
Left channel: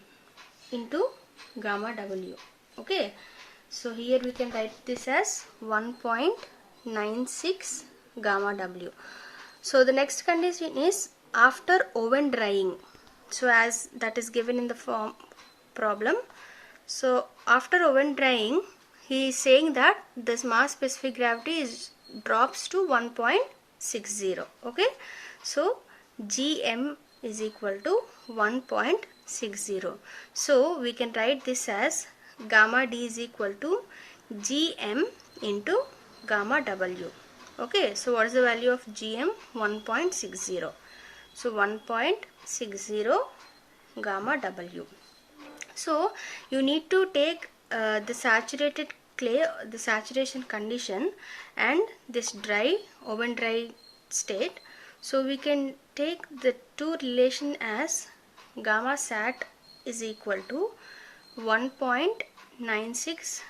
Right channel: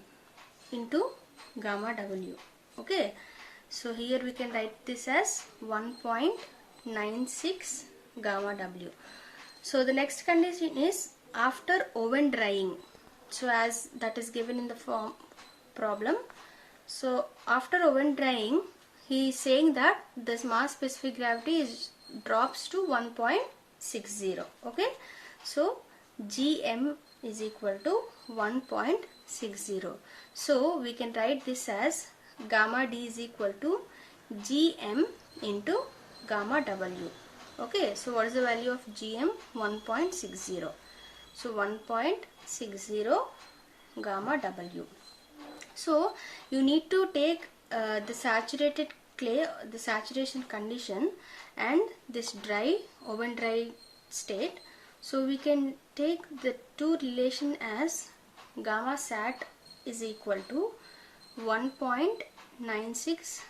into gamma W. Okay, so here we can write this as 1.96 gamma W. So the next condition is after oven drying. So as that is given in the form problem. So after oven drying, he is saying that this mass specific gravity drops to 1.60. Okay, so Gm is equal to 1.60. So we can write this as gamma D is equal to Gm into gamma W. Okay, so what is the value of Gm? 1.60. So 1.60 gamma W. So you need to take the saturated clay, the saturation condition, and this dry, oven dry state. So we can take the two relation as gamma sat is equal to 1.96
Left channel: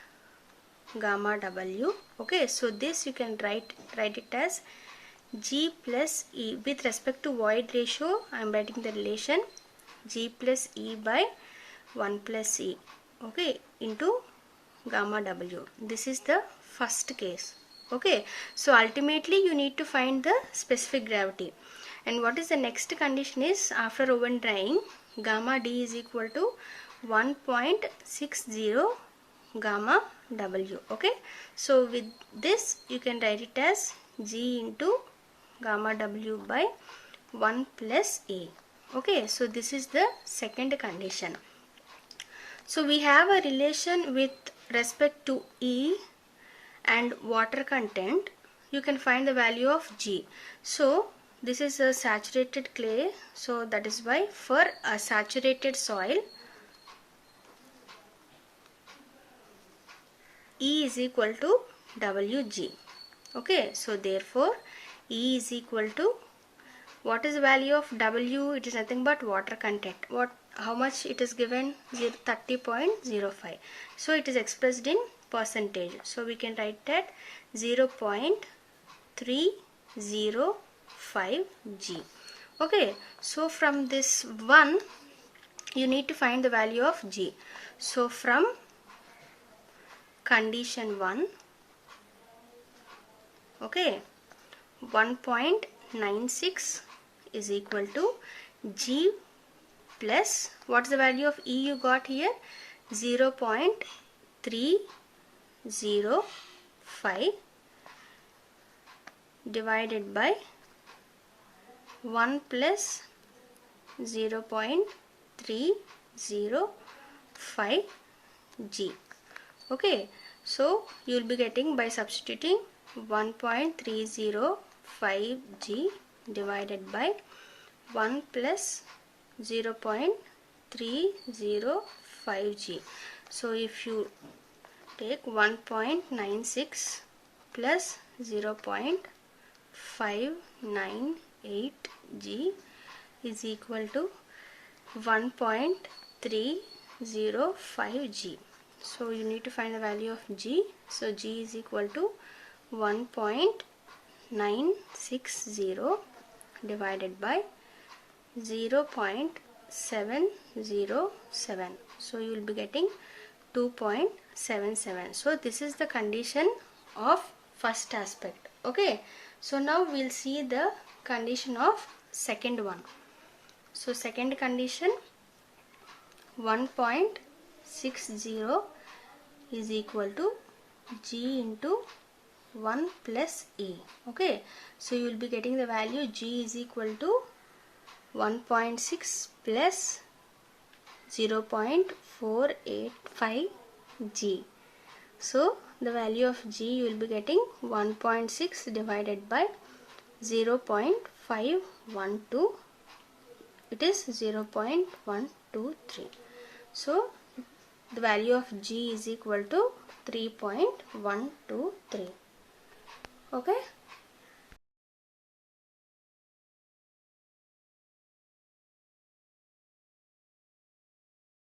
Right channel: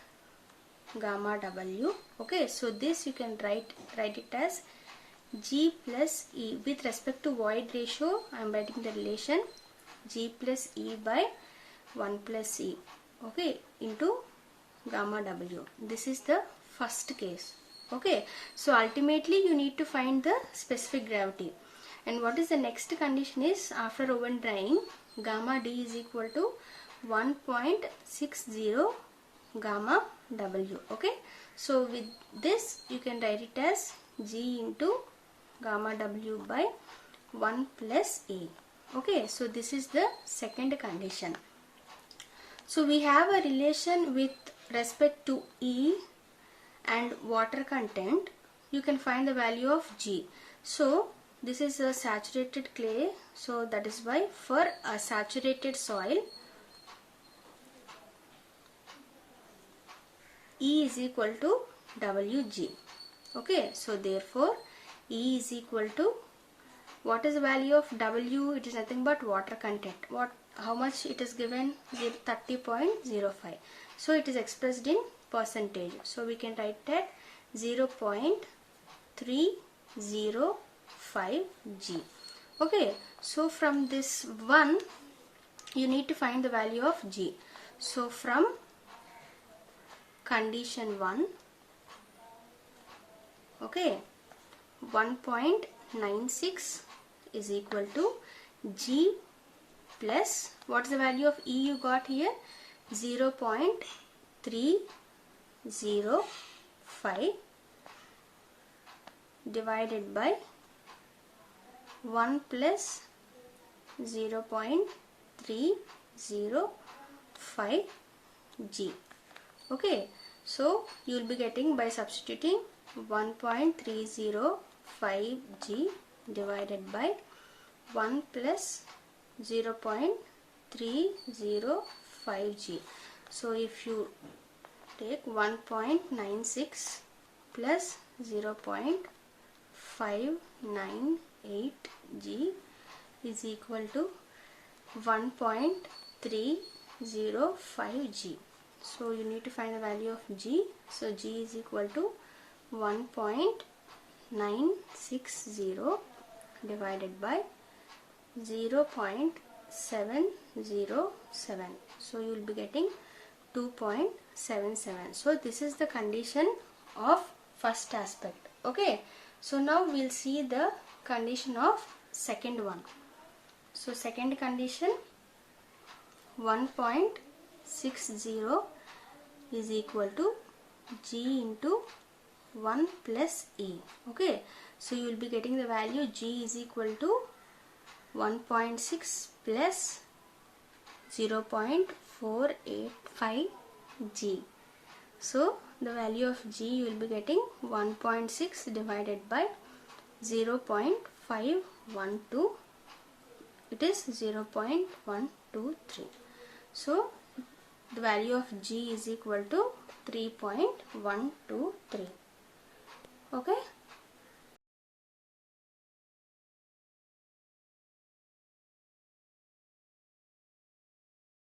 gamma W. Okay, so this you can write it as G plus E. With respect to void ratio, I am writing the relation G plus E by 1 plus E. Okay, into gamma W. This is the first case. Okay, so ultimately you need to find the specific gravity. And what is the next condition is, after oven drying, gamma D is equal to 1.60 gamma W. Okay, so with this you can write it as G into gamma W by 1 plus A. Okay, so this is the second condition. So we have a relation with respect to E and water content. You can find the value of G. So this is a saturated clay, so that is why for a saturated soil, E is equal to Wg. Okay, so therefore E is equal to, what is the value of W? It is nothing but water content. How much it is given? 30.05. So it is expressed in percentage. So we can write that 0.305 G. Okay, so from this one you need to find the value of G. So from condition 1, okay, 1.96 is equal to G plus, what's the value of E you got here? 0.305 divided by 1 plus 0.305 G. Okay, so you will be getting, by substituting 1.305 G divided by 1 plus 0.305 G. So if you take 1.96 plus 0.598 G is equal to 1.305 G. So you need to find the value of G. So G is equal to 1.960 divided by 0.707. So you will be getting 2.77. So this is the condition of first aspect. Okay, so now we will see the condition of second one. So second condition, 1.60 is equal to G into 1 plus E. Okay, so you will be getting the value G is equal to 1.6 plus 0.485 G. So the value of G you will be getting 1.6 divided by 0.512. It is 0.123. So the value of G is equal to 3.123. Okay.